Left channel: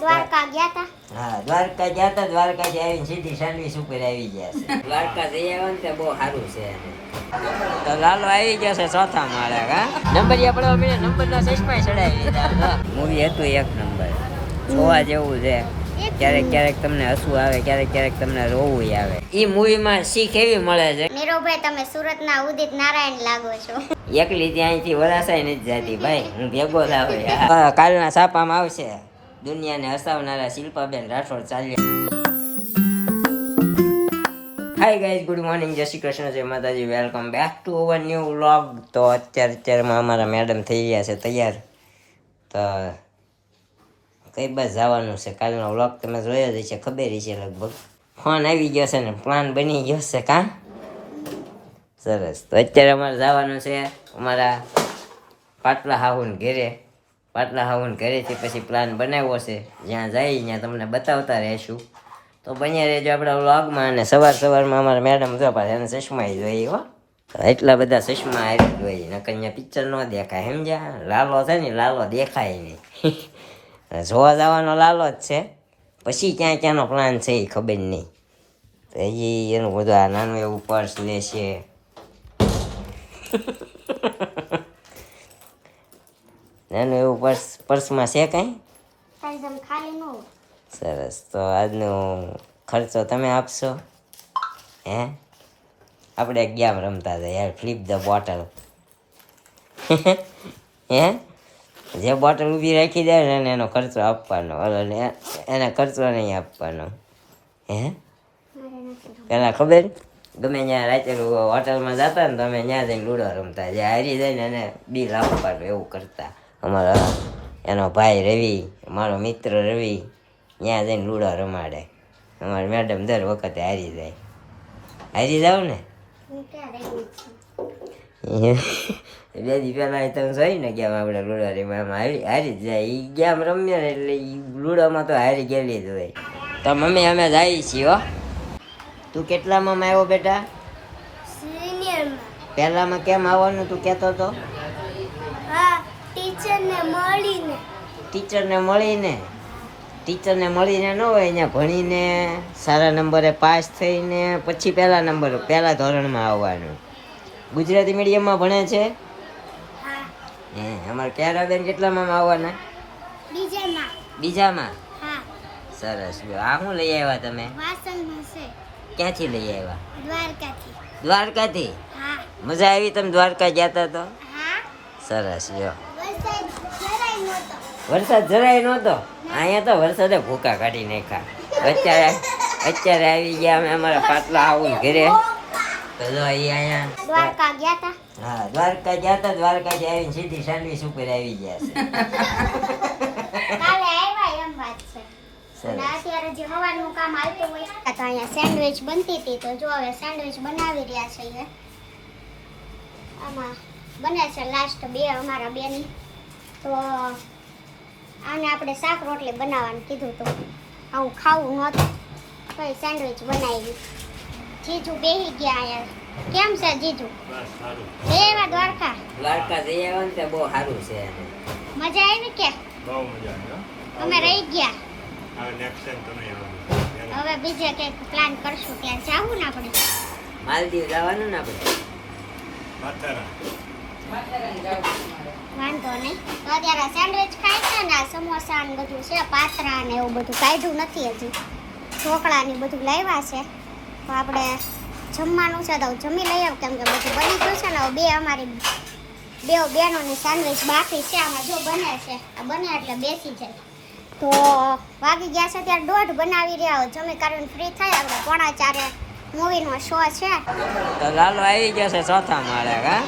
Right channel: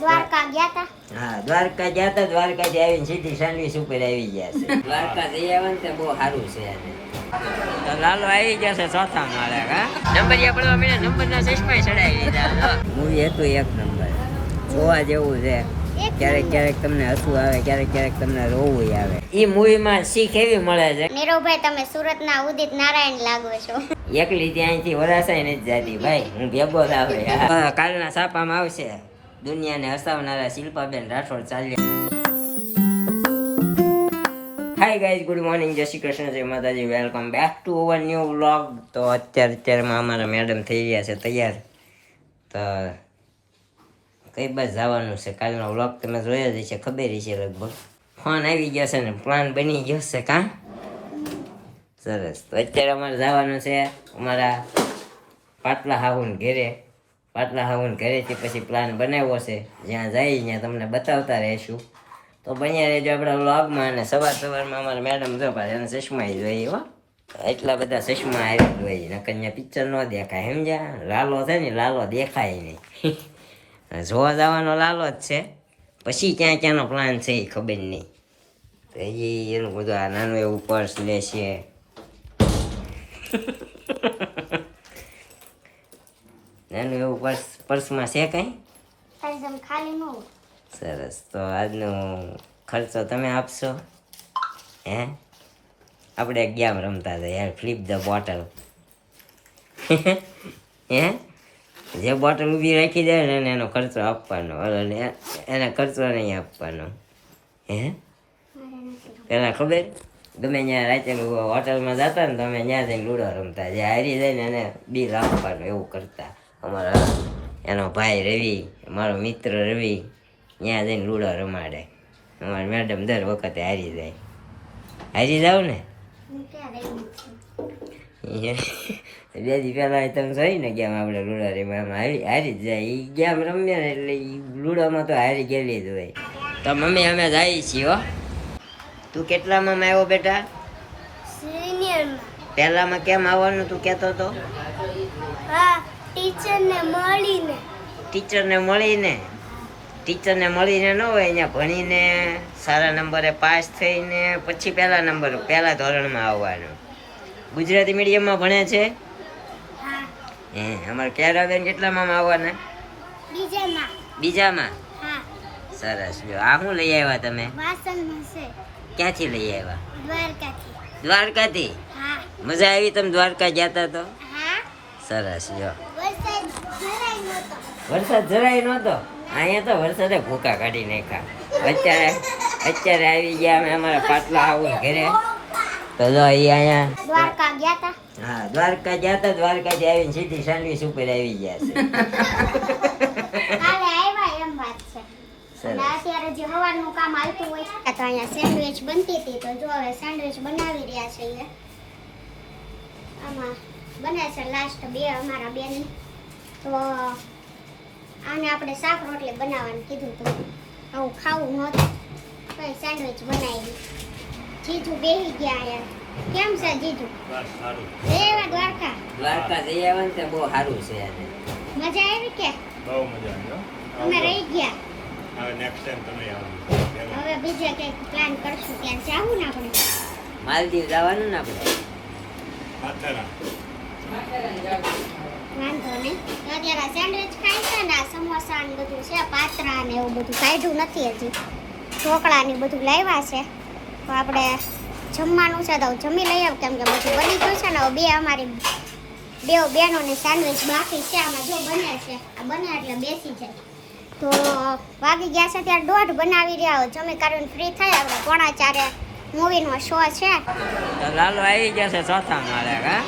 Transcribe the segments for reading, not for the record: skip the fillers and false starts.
દ્વારકા ગયા તા. હા, દ્વારકા ગયા તા. દ્વારકાથી આવીને સીધી સેન્ડવીચ ઉપર આવી ગયા છે. દ્વારકા જઈ આવે ને તે બહુ સારું છે એને. તો લાલો આવી ગયા છે ચોથા માળે. હા, નંબરિયા પડવા મને નંબરના ચશ્માય ચડાવી લીધા. મૂવી હતું એક નંબર, જોવા જેવું છે. ક્યારેક ક્યારેક તમને હસવું આવે, ક્યારેક ક્યારેક તમને રોવું આવે. ઈ મૂવીમાં શીખ એવી મળે છે. નીરવભાઈ, તમે સુરતના ઉદિત નારાયણ લાગો છો. એકલી ત્યાંથી વરાસાય નથી જાતી ભાઈ, હું ભેગો જ આવે. કાલના છાપામાં આવશે, દુનિયાને હસાવનારા શિલ્પાબેન રાઠોડ ચાલ્યા. હાય ગાઈઝ, ગુડ મોર્નિંગ, જય શ્રી કૃષ્ણ, જય માતાજી, welcome back to our new vlog. તો અત્યારમાં અમારા મેડમ થઈ ગયા છે તૈયાર. તો કઈ બસ જવાનું છે. કાલનો વ્લોગ તમે જોયો જ છે, ખબર છે લગભગ. ફોન આવી ગયો છે ને પ્લાન બની ગયો છે. કાં સરસ. તો અત્યારે અમારે જવાનું છે અમારા પાટલા હાહુન ઘેરે. પાટલા હાહુન ઘરેથી પછી પ્લાન બનાવ્યો છે, જ્યાં જઈ ત્યાં તમને બતાવતા રહીશું. તો બન્યા રહેજો આપણા વ્લોગમાં. અને સવારમાં અમારા મેડમ જો પાછા એને ચશ્મા જોઈએ. હો, એટલા બધા ચશ્મા આવી જોઈએ, નકર અહીંયા પિક્ચર ન દેખાય. સમજ્યા? લાલો છે ને, લાલો દેખાય નહીં. જોવા જવાનો લાલો જ છે, પછી ક્યાં ક્યાંનો પ્લાન છે એ ખબર નહીં. તો એ એનું બધું આ નાનું એવું પર્સ લે છે. નાનું એવું પર્સમાં છે કંઈ ખાલી ન હોય. સરસ. તો આજનો ખર્ચો તમે આપશો? હે, આપણે એક ગેમ રમતા હતા યાર, ફ્લિપ ધ બોટલ. હે, જે બોટલ ઊભી રાખી જાય ને એનો ખર્ચો આપવાનો, એને ખર્ચો નહીં આપવાનો. હે, પેલા ખબર, ગમે ત્યાં રાતે હોટલમાં જતા ને તમે ત્યાં જઈને લૂડો રમતા, જે હારી જાય ને એને બિલ આપવાનું, એવું કરતા. અમારા એનો ભાઈ રવિ, મારો મિત્ર રવિ, ત્યાં જઈને લૂડો રમાડે. અમારી મેડમ દર વખતે હારી જાય. હારી જાવ ને બે દી પહેલા તમે જોઈ ને ગેમ આપણે લૂડો રમ્યા, હારી જ જાય. એ ગેમ રમીએ ને એટલે એ લૂડોમાં તો હારી ગયેલી જ હોય. તો મમ્મી અમે જઈએ છીએ. હો, તું કેટલામાં આવ્યો બેટા? સિનિયરમાં. પહેલામાં કેમ આવવાનું તું કહેતો હતો? હા, ટીચરને મળીને. ટીચરને મળીને? ટીચરને મળીને ન હોય, અહીંયા ભણીને સારા નંબરે પાસ થઈને પછી પહેલા ધોરણમાં આવવાનું. ગુજરાતી મીડિયમમાં ભણે છે? હા. હે, અમારે કેરાબેન કેટલામાં આવવાના? બીજામાં. બીજામાં? હા. સરસ. આ શું લઈ આવ્યા તમે? વાસણમાં છે. ક્યાંથી લઈ આવ્યા? દ્વારકાથી. દ્વારકાથી? હા. મજા આવી? તમે દ્વારકા ગયા તા તો? હા. સરસ. જો વરસાદ જરાય નહોતો. વરસાદ જરાય નહોતો. અહીંયા તો વરસાદે ભૂકા કાઢી નાખ્યા. અત્યારે આવી ગયા અમે અમારા પાટલા આવું ઘરે. તો જો એ અહીંયા દ્વારકા ગયા તા. હા, દ્વારકા ગયા તા. દ્વારકાથી આવીને સીધી સેન્ડવીચ ઉપર આવી ગયા છે. કાલે આવ્યા એમ વાત છે. અને અત્યારે જે હવાનું કામ આવતું હોય તો અહીંયા સેન્ડવિચ બનતી હતી. તો જો હવે સેન્ડવિચ બનાવી રહ્યા છે. આમાં બને છે લાસ્ટ બે અમારા બેની. તો આને આપણે શાક રોટલી બનાવવાનું કીધું તો આવું ખાવું નહોતું, તો સેન્ડવિચ બનાવી. જીજુ બેસી ગયા અહીંયા. કેમ છે જીજુ? એવા દ્વારકા જઈ આવે ને તે બહુ સારું છે. મજા આવી કે? બહુ મજા આવી. અમે રહી ગયા. હવે નેક્સ્ટ ટાઈમ તમે આવજો. હવે બીજે કંઈક પ્લાન કરશું, ત્યાં જાવું ને આપણે. માલદીવ જવાનું ને આપણે. માથેરા. વાંધો નહીં. તો અત્યારે સેન્ડવિચ ખાય છે ને, આ સમોસા ને બધું છે, પાત્રા ને એવું બધું કાઢ્યું નથી હજી. ઢોકળા ને બધું લાવ્યા છે. તો આપણે જમવાનું છે તો જમી લઈ આવ, કેમ કે બધું બની ગયું છે ને. બે અમારી બેનોની સેન્ડવિચ બાકી છે. આમાં જો બને છે, આ બને એટલે બેસી જાય. તો વાગી ગયા છે ત્યારે 1:30 બનાવી રહ્યા. જમી કરીને ફ્રી થાય આપણે 3:45 મૂવીનો શો છે. તો લાલો આવી ગયા છે ચોથા માળે. હા,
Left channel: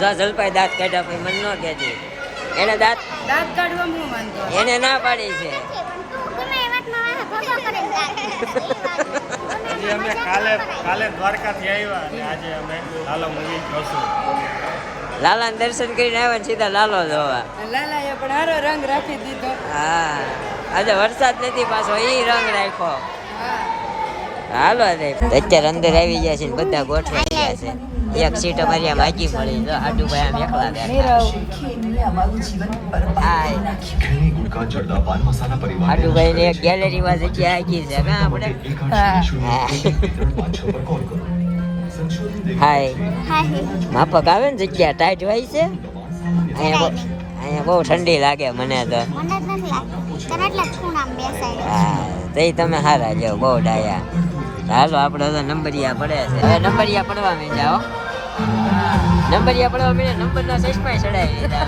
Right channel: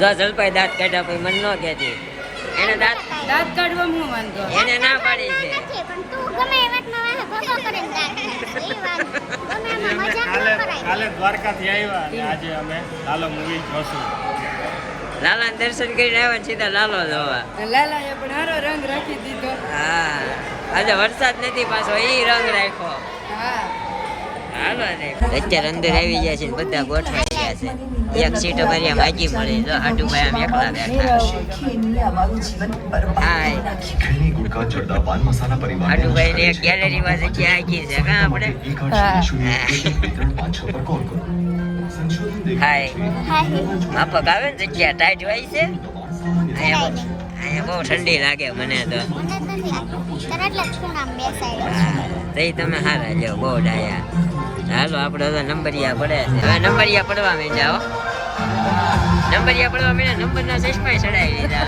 જો જલપાઈ દાંત કાઢ્યા પછી મન ન કહેતી. એને દાંત કાઢવા હું વાંધો એને ના પાડી છે. ગમે એ વાતમાં ભગો કરીને દાંત. અમે કાલે દ્વારકાથી આવ્યા અને આજે અમે લાલો મૂવી જોશું. લાલાને દર્શન કરીને આવ્યા ને સીધા લાલો જોવા. લાલાએ પણ હારો રંગ રાખી દીધો. હા, આજે વરસાદ નથી પાછો, ઈ રંગ રાખ્યો. હાલો અત્યારે અંદર આવી ગયા છે ને બધા ગોઠવાઈ ગયા છે. એક સીટ અમારી આમ આગી મળી તો હાટુભાઈ આમ એકલા બેઠા હાય હાટુભાઈ ને એક ગેલેરી માં જગ્યા આગી છે કા આપણે હાય હાય માફક આવે ને જગ્યા ટાઈટ હોય છે અહીંયા બહુ ઠંડી લાગે મને તો મને જ નથી લાગતું તમે એટલે જ ખૂણામાં બેસાડ્યો હા તઈ તમે હારા લ્યો બહુ ડાયા હાલો આપણે તો નંબરિયા પડે છે હવે નંબરિયા પડવા માંડ્યા હો નંબરિયા પડવા માંડ્યા નંબરના ચશ્મા ચડાવી લીધા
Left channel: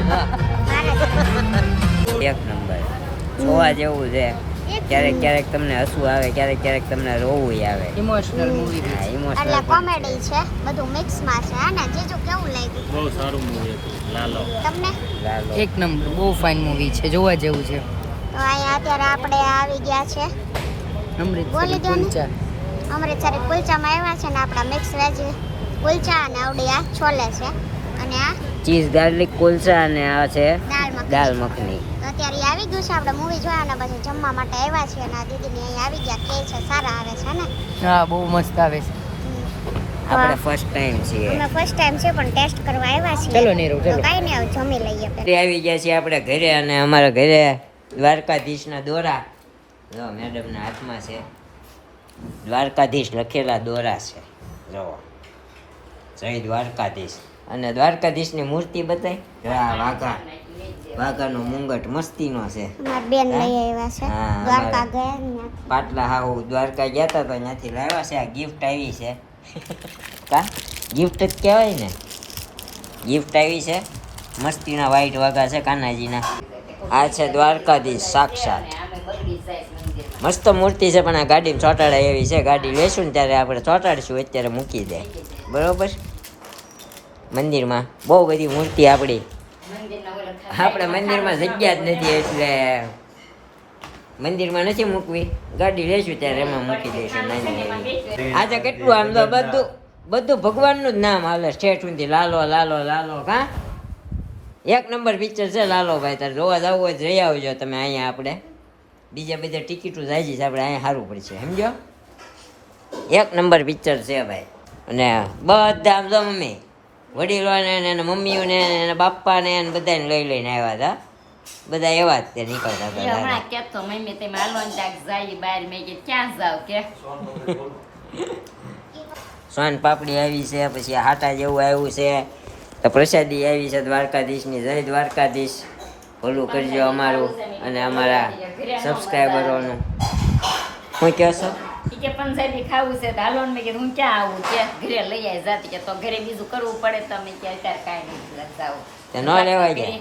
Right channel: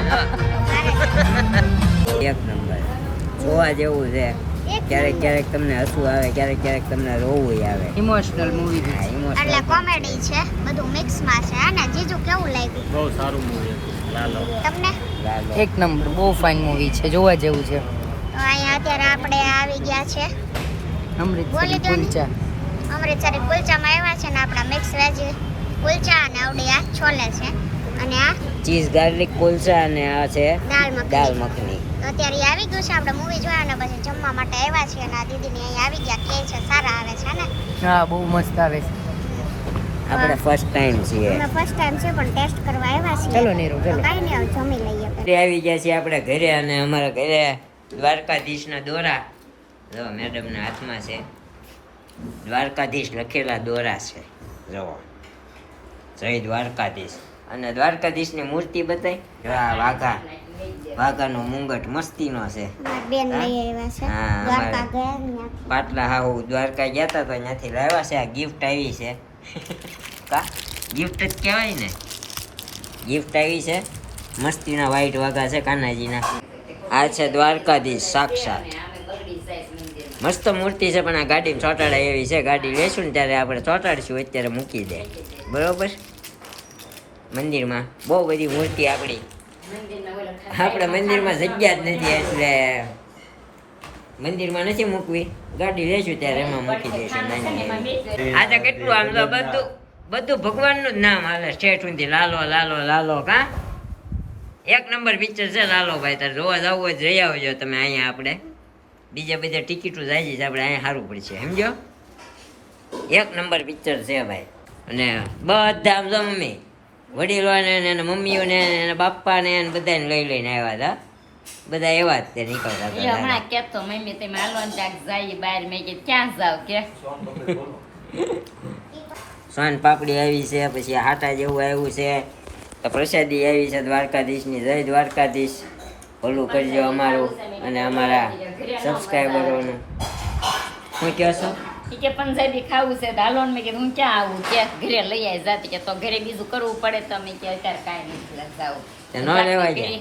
એક નંબર જોવા જેવું છે ક્યારેક ક્યારેક તમને હસવું આવે ક્યારેક ક્યારેક તમને રોવું આવે ઇમોશનલ મૂવી એટલે કોમેડી છે બધું મિક્સમાં છે અને જીજુ કેવું લાગ્યું બહુ સારું મૂવી હતું લાલો તમને એક નંબર બહુ ફાઇન મૂવી છે જોવા જેવું છે તો અહીંયા અત્યારે આપણે આવી ગયા છે બોલી દો ને અમૃતસરી કુલચામાં આવ્યા છે ને આપણા મિક્સ વેજ કુલચા અને આવડી આ છોલે છે અને આ ચીઝ ગાર્લિક કુલચા અને આ છે દાળ મખની દાલ મખની તો અત્યારે ઈ આવી ગયું છે આપણે મૂવી જોયા અને પછી જમવા માટે આવ્યા છીએ અને આ દીદીને અહીંયા આવી ગયા કે છે સારા આવે છે ને હા બહુ મસ્ત આવે છે આપણે ફર્સ્ટ ટાઈમ છીએ અમે ફર્સ્ટ ટાઈમ છે પણ ટેસ્ટ કરવા આવ્યા છીએ ચલો નીરવ, તો ચલો. કાંઈ નહીં હવે જમી લઈએ પહેલા. ઘરે આવી ગયા છીએ આપણે ઘરે અને અમારા ઘરે દ્વારકાધીશના દોરા જો મેડમના હાથમાં છે દ્વારકાધીશ લખેલા દોરા છે જો જય દ્વારકાધીશ અને દ્વારકાધીશની મૂર્તિ બતાવી જો આ વાઘાનો મુંગટ મસ્તીનો છે મારી બેન લઈ આવ્યા છે હા, દ્વારકા અમારે. ગયા ત્યાંથી. પાટલા હાવ દ્વારકા ગયા હતા તો ત્યાંથી લાવ્યા છે આ ગિફ્ટ આવી છે કા ગિફ્ટ જ કહેવાય ને ગિફ્ટ આવી છે મસ્તીના વ્હાઈટ વાઘા છે કાનાજીના આ છે દ્વારકાધીશ સાક્ષાત મસ્ત મૂર્તિ છે પણ આ ગાડીમાં ચોટાડાય એવી છે ગાડી લેશું ને ત્યારે આપણે ચોટાડશું અત્યારે મૂકી દે બરોબર મંદિરમાં બહુ બધી મૂર્તિ આપણી આપણે મંદિરમાં જગ્યા જ નથી એટલે મંદિરમાં નથી મૂકવી ગાડી લેશું ત્યારે એમાં મૂકી દઈશું નાની એવી આજે કેટલું આમ તો બધું ભગવાનનું જ નામ હાલે સ્ટેટ સુધી લાલો લાલો લાલો કા એક નંબર પિક્ચર છે લાલો ભાઈ તારે જોવા જવું હોય તો જઈ આવજો તમે અહીંયા આપણે બીજા બધા ટિકિટો જાય છે આપણે અહીંયા સારું પડશે સમજો એક નંબર પિક્ચર છે ભાઈ અને બધા આમ તો મમ્મી વડીલોને ને એના મમ્મીઓને ને એના બાપ્પાને ને બધાને લઈ લઈને આવ્યા હતા બધા એવા જ તે નીકળતા હતા હમણાં કેતો મમ્મી તમે હાલવાનું ચાક જાય બહાર મેં કીધું ક્યાં જાવ કે સોન પાપડી આવી છે પછી હાટા જેવું આવ્યું છે તો પ્રસાદી આવી છે દ્વારકાધીશની જય દ્વારકાધીશ ભલું કરજો અમારું અને અમારા સબસ્ક્રાઈબરોનું શું કહો છો ઈ કે પંજાબી ખાવું છે તો હાલો ને મેં કીધું હું ક્યાં આવું કે ઘરે લઈ આવી જાતી કે તો ઘરે બીજું કરવું પડે તમે કે અત્યારે કાંઈ નહીં જાવ તે ન લેવાય જાય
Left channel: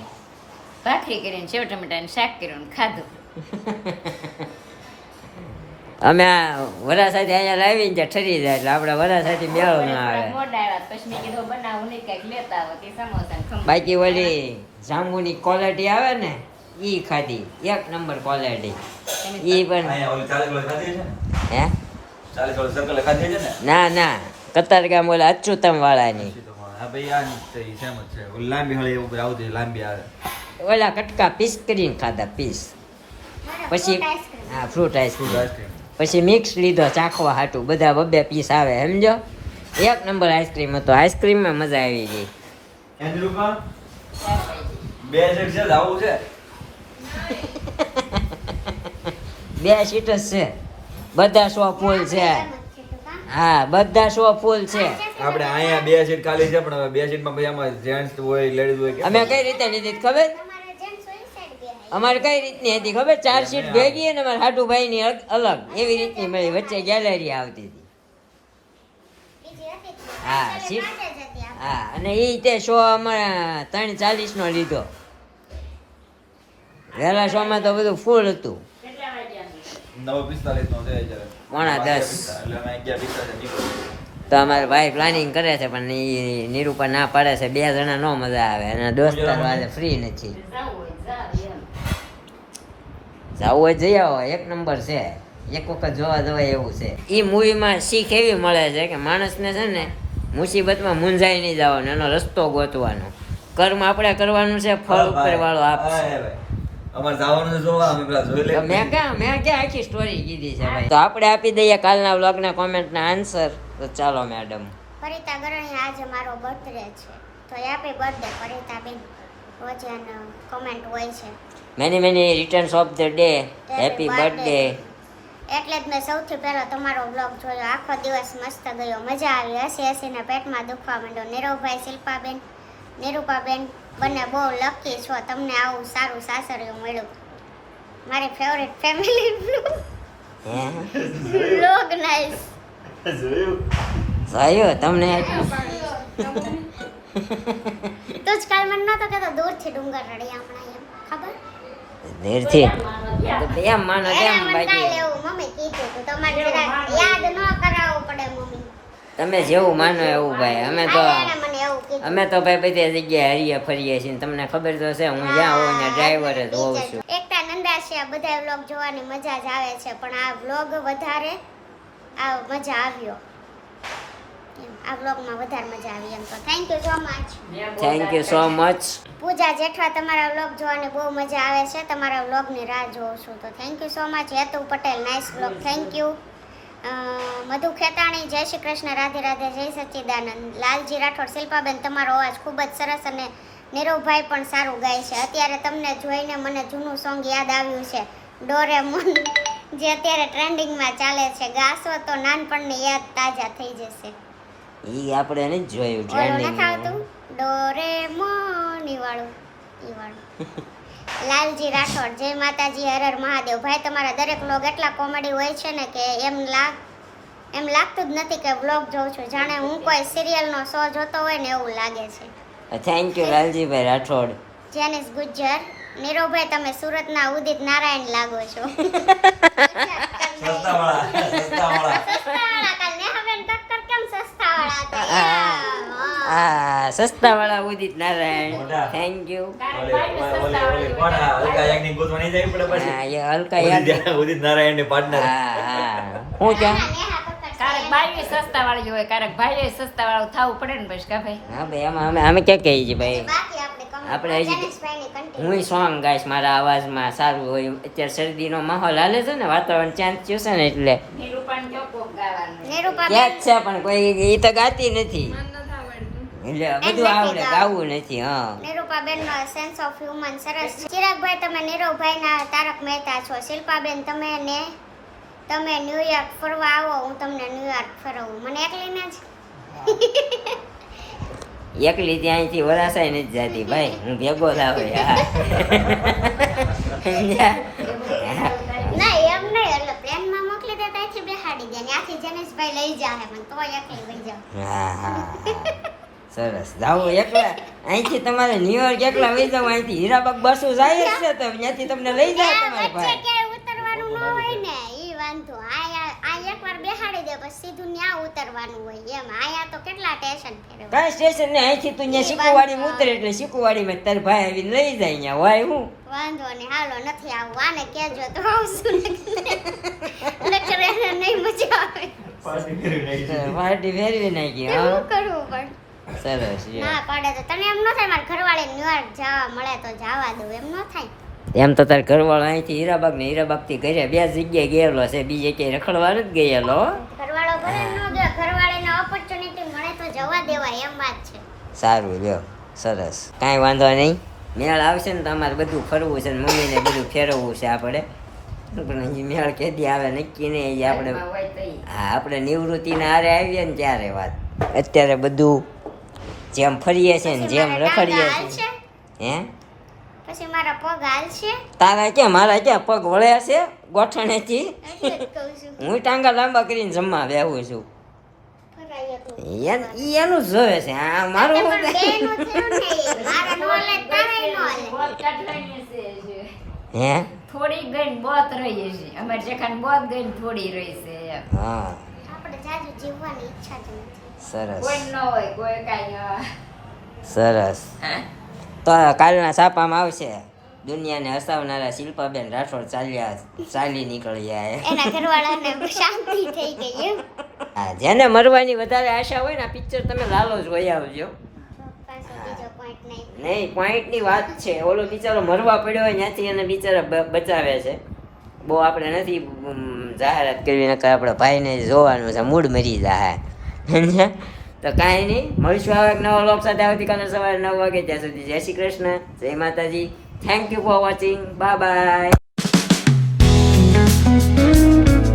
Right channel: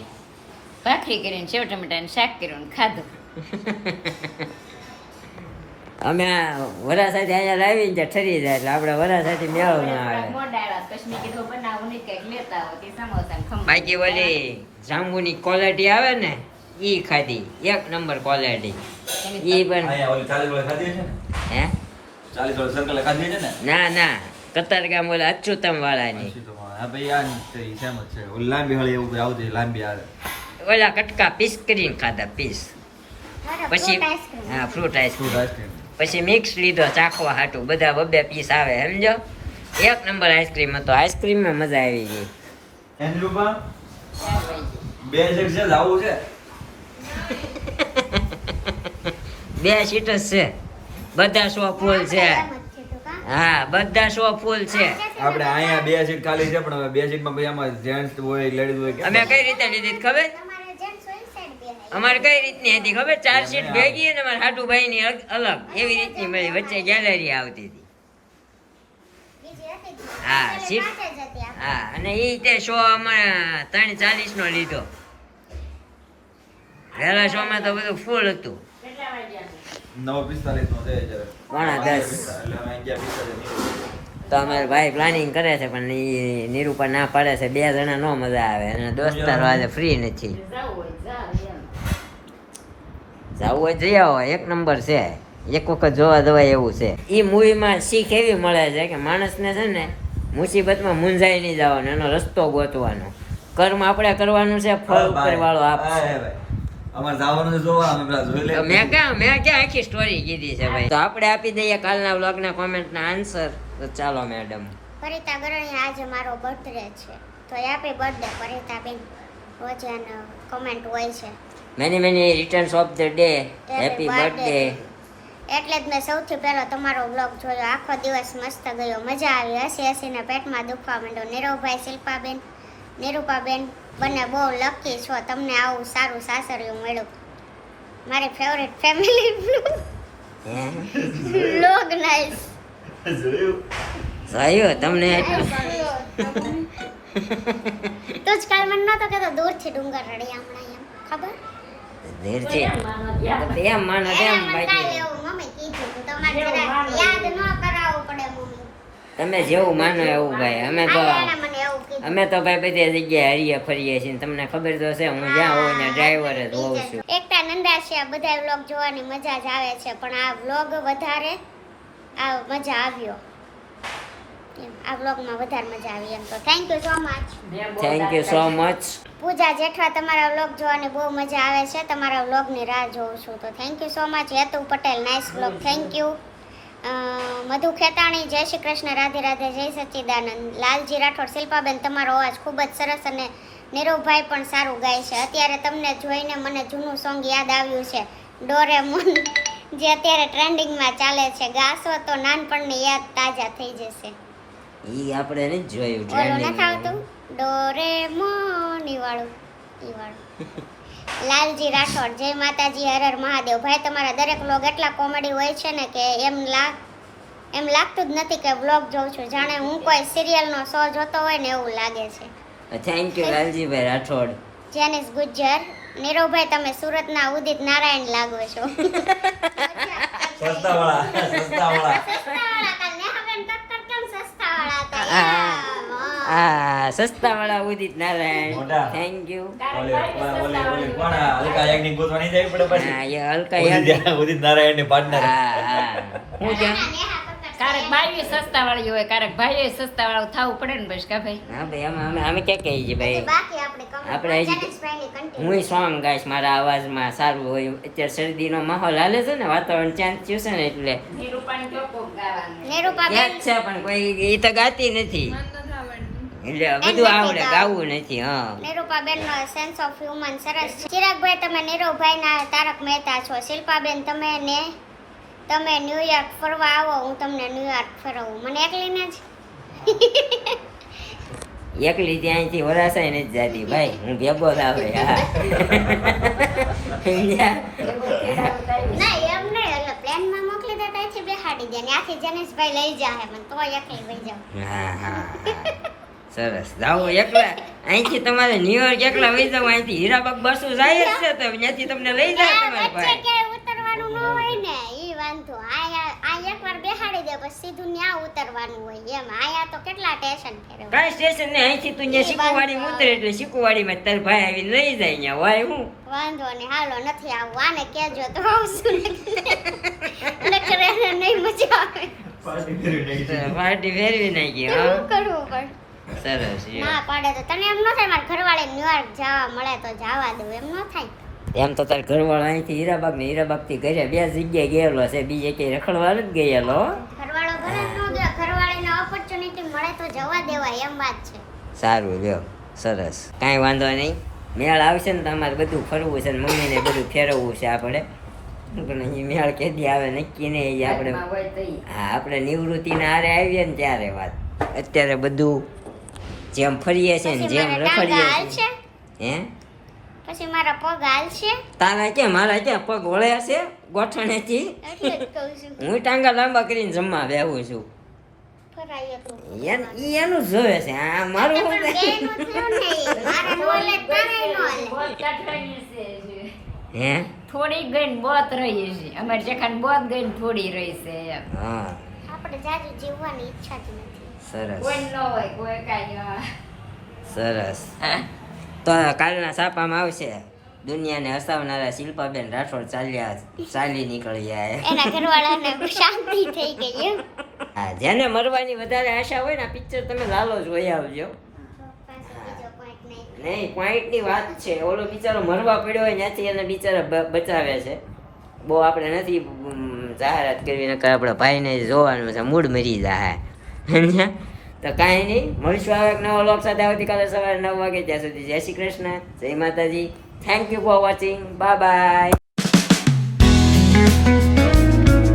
ભાખરી કરીને સેવ ટમેટાનું શાક કર્યું ને ખાધું અમે આ વરા સાથે અહીંયા લાવીને ત્યાં ઠરી જાય એટલે આપણે વરા સાથે મેળો ના આવે મોડાવ્યા પછી મેં કીધું બનાવું નહીં કંઈક લેતા આવો તે સમોસા ને ખમણ. બાકી ઓલી જાંબુની ક્વોલિટી આવે ને ઈ ખાધી એક નંબર ક્વોલિટી ઈ પણ હે ના ના કતારગામ ઓલા અચ્યુતમ વાળાની ઓલા કટકા પીસ કરીને ખાધા પીસ પછી હા ફ્રૂટ આઈસ્ક્રીમ પછી મિક્સ લીધો ચાખવા હાટું બધા બબે પીસ આવે સમજો એક નંબર આઈસ્ક્રીમ હતો આઈસ્ક્રીમમાં મજા આવી ગઈ બે સીટ જ છે બધા સો ફૂલ છે હા બધા સો ફૂલ છે આપણે અહીંયા 2 સીટ ખાલી છે પણ હવે 2 સીટમાં પછી આમાં જેન્ટ્સ હોય લેડીઝ હોય અમે કઈ રીતે લીધી હતી ખબર અમારે કઈ રીતની હતી ખબર 4 સીટ ભેગી અને અમારા હાટુભાઈ ની અલગ એવી રીતની મળી વચ્ચે ગેલેરી આવતી હતી હા સીટ હા અને ઈ તે શો અમારા 3:40 નો લીધો વહેલા શો માં તો બધું ફૂલ હતું 9:45 નો છે જરા 9:10 એટલે અમે 11:45 તો અમારા ભાઈ પ્લાનિંગ કરે છે પણ ઈ નિરૂપા ના પાડે છે 2 જણા નો મજા આવે અને દોસ્તાર વાળે ફ્રી નથી જાવું હોય જઈ આવો એક નંબર છે એક વખત જોવા જવાય એવું છે ઈ મૂવીમાં શીખ એવી મળે છે કે માણસને છે ને મુસીબતમાં મૂંઝાઈ નહીં જવાનો એનો રસ્તો ગોતવાનો કર્મ આપણે કરવાનું છે ફળ ઉપર વાળો આપશે અમાર જવાનું છે જોવા અમે પેલા જોઈ લે તો મેં ક્યાં આખી સ્ટોરી કીધી છે ભાઈ તો આપણે આપી દઈએ કાલના વ્લોગના કોમેન્ટના આન્સર તો ચાલો મેડમ પરિતા ગરણી આજે મારો બર્થડે છે તો હેપી બર્થડે પરિતા બેન. રોજ કમેન્ટ હોય છે many many returns of the day, happy birthday. Birthday. એટલે જ મેં સૌથી પહેલો તમારો વ્લોગ જોયો. આખો દિવસ મસ્ત ગયો, મજા આવી. હસી હસીને પેટમાં દુખવા માંડ્યો. નીરવભાઈ, શિલ્પાબેન, નિરૂપાબેન બંને બહુ લકી છો, તમને આવું સારું સાસરિયું મળ્યું. મારી ફેવરેટ ફેમિલી વ્લોગ નાઈસ. જોયું તમને તું જ કાલ મને નતો કહેતો દૂરથી ડુંગર રળિયા હમણાં એમ ખબર? નીરથી એમ માનો તેમ એને મને બાકી કાલે એવું મમ્મી કીધું તું, તમારે જરાક યાદ ન કરાવવું પડે મમ્મી. તમે જેવું માનો એવું ભાઈ. અમે તો હા, એને મને એવું કીધું. અમે તો ભાઈ બધી જગ્યાએ હરીએ ફરીએ છીએ ને તમને ખબર તો છે હું જ્યાં હોઉં ત્યાં ડ્રાઈવર જ હોઉં છું. એકતા નંદાશિયા બધા વ્લોગ જોવાની મજા જ આવે છે, પણ આ વ્લોગ વધારે આ મજા આવ્યો એમ. આ વ્લોગમાં વધારે મજા આવી એમ. તો thank you so much. Thank you so much. Pooja Jethwa, તમારા વ્લોગ જોવાની બહુ મજા આવે છે, તમારા વ્લોગની રાહ જોઉં છું. તો thank you so much. Hetu Patel, nice vlog, thank you. Madhu Khetani, જય શ્રી કૃષ્ણ, રાધે રાધે, જય સચ્ચિદાનંદ. લાલજી રાઠોડ, શિલ્પાબેન તમારો અવાજ ખૂબ જ સરસ અને નીરવભાઈ પણ સારું ગાય છે. અત્યારે તમને જોઈને મને જૂનું સોંગ યાદ આવ્યું છે, ડોરેમોન, જે અત્યારે ટ્રેન્ડિંગમાં ચાલે છે. ગાશો તો નાનપણની યાદ તાજા થઈ જશે. ઈ આપણે નહીં જોયું ઓલું નથી trending આવતું ડોરેમોન ઈ વાળું. લાલજી રાઠોડ, જય માતાજી, હર હર મહાદેવ. ભાઈ તમારા દરેક વ્લોગ એટલા કોમેડી હોય છે ને કે એમ લાગતું જ નથી કે વ્લોગ જોઉં છું, જાણે હું કોઈ સિરિયલનો શો જોતો હોય ને એવું લાગે છે. Thank you Laljibhai Rathod. જેનિસ ગુજ્જર, નીરવભાઈ તમે સુરતના ઉદિત નારાયણ લાગો છો. સસ્તાવાળા સસ્તાવાળા સસ્તાવાળા, કાલ નેહાબેન ટક્કર કેમ સસ્તાવાળા હતા? આ સસ્તા વાળા ઉદિત નારાયણ, મોટા. Thank you. ઓલી કોણ આ હલકા યાજ્ઞિક ગોતવા નહીં જવી પડે પછી હા એ હલકા યાદ. ઉદિત નારાયણ ની પાર્ટનર હા હું ત્યાં કારક ભાઈ સસ્તા વાળી હોય, કારક ભાઈ સસ્તા વાળું થવું પડે ને બસ કા ભાઈ. હા ભાઈ અમે ક્યાં કહીએ છીએ ભાઈ. બાકી આપણે comment આપણે હજી- જેનિસભાઈની continue. હું સોંગ ગાઈશ, મારા અવાજમાં સારું હોય. અત્યારે શરદીનો માહોલ હાલે છે ને, વાતાવરણ ચેન્જ થયું છે ને એટલે નીરૂપાને જો કોક ગાવાનું. નીરૂપાબેન, ક્યાંક છે પણ કોઈ એ તો ગાતી નથી એટલે બધું આવડે, ગાવું નથી. હા નીરૂપાબેન નો સેન્સ ઓફ હ્યુમન સરસ છે. ચિરાગભાઈ તમે નીરવભાઈ ના તારક મહેતા છો. શિલ્પાબેન તમે ન્યુયોર્ક ફરવા આવો, હું તમને ન્યુયોર્ક ફરવું. મને એકલીને જ એકલી ત્યાંથી વરાસાય નથી જાતી ભાઈ, હું ભેગો જ આવે. હા સમજ્યા? ના એમ નહીં, એટલે પ્લેનમાં મોકલી દે ત્યાંથી બેહાડી દે, ત્યાંથી જેનિસભાઈ લઈ જાહે મને, તો એકલી લઈ જાવ. હા હા હા. સરસ. જાવું એકલા અહીંથી તમારે ન્યુયોર્ક એકલા વહી જાવ. અહીંથી હીરાબાગ બસો જાય જ છે તો ત્યાંથી તમને લઈ જાય તમારે વચ્ચે ભાઈ. ક્યાંય ઉતરવાનું ન હોય ને, ઈ વાંધો. આ એકવાર બેહાડી દે પછી સીધું ન્યા ઉતરવાનું હોય એમ. આયા તો કેટલા સ્ટેશન ફેરવે. કાંઈ સ્ટેશન ને અહીંથી તું ત્યાં શીકુવાડી ઉતરે એટલે શીકુવાડીમાં તાર ભાઈ આવીને લઈ જાય ત્યાં હોય હું. વાંધો ને, હાલો નથી આવવું. આને કહેજો તો આવશું, નકર એને નહીં મજા આવે. પાર્ટી ફેરવી નાખી. શું હા કરવું પણ સરસ. ના પાડે તો તને એમ ન થાય મારા ઘરવાળે ન્યુયોર્ક જવા મળે તો જવા દઉં, એમ ન થાય. એમ તો તાર ઘરવાળો અહીંથી હીરાબાગ ને હીરાબાગ થી ઘરે બે જગ્યાએ ગયેલો છે, બીજે ક્યાંય રખડવા નથી ગયેલો. ઘરવાળો ભલે ન ગયો, ઘરવાળીને ઓપોર્ચ્યુનિટી મળે તો જવા દેવાય એમ વાત છે. સારું લ્યો, સરસ. કાંઈ વાંધો નહીં, મેળ આવશે ને તો અમારે બધું ફરવું છે ને મમ્મીને બધું ફેરવવું છે આપણે. પણ એ મેળ કેદી આવે નક્કી નહીં. એ આપણે ઘરમાં હોય તો ઈ. હા આપણે નિવૃત્તિના હારે આવીએ ને ત્યારે વાત. અત્યારે બધું જેમ ફરીએ છે ને પછી જેમ મારા ટાંગા રખડીએ હાલશે, છે હે પછી મારા પગ હાલશે, તારા ક્યાં મારા ક્યાં પગ વળ્યા છે ગોઠણેથી. એટલે જ કહું છું. હું ટાંગા લાંબા કરીને જમવા બેહું છું. ફરાય એટલું. ઈ એનું જ જોવે છે. આ મારું એટલે શું પણ થાય? બેયનું થયું ને, મારે નો હાલે તો તારેય નો હાલે. બોત કાઢવાની છે જે. હે થોડી ગઈ ને બોત રહી છે. અમારે જેખાને બોત ગઈ ને થોડી રહી છે એમ. હા આપણે જાજુ જીવવાની ઈચ્છા જ નથી. સરસ કોઈ ન હોય કોઈ કાંઈ સરસ. તો કાલના છાપામાં આવશે દુનિયાને હસાવનારા શિલ્પાબેન રાઠોડ ચાલી નીકળ્યા. એના ઘરવાળાને શાંતિ થઈ ગઈ એમ. હા જેને મરવાની વધારે આશા હોય ને આ પિક્ચર તમે લાલો જોઈ આવજો. પાછો બીજો point નહીં. નહીં પોઈન્ટની વાત છે. ઓલો બિચારો મરવા પડ્યો હોય ત્યાંથી એને બિચારા બચાવે છે. બહુ આપણે નથી જાહેરાત કરવી, નકર આપણા ભાઈને જોવાનું છે મૂડ મરી જાય. તો કાંઈ નહીં, મળીશું હવે એક નવા વ્લોગ સાથે આવતીકાલે સવારે 9 વાગે. ત્યાં સુધી જય શ્રી કૃષ્ણ, જય માતાજી. Thank you for watching, bye bye.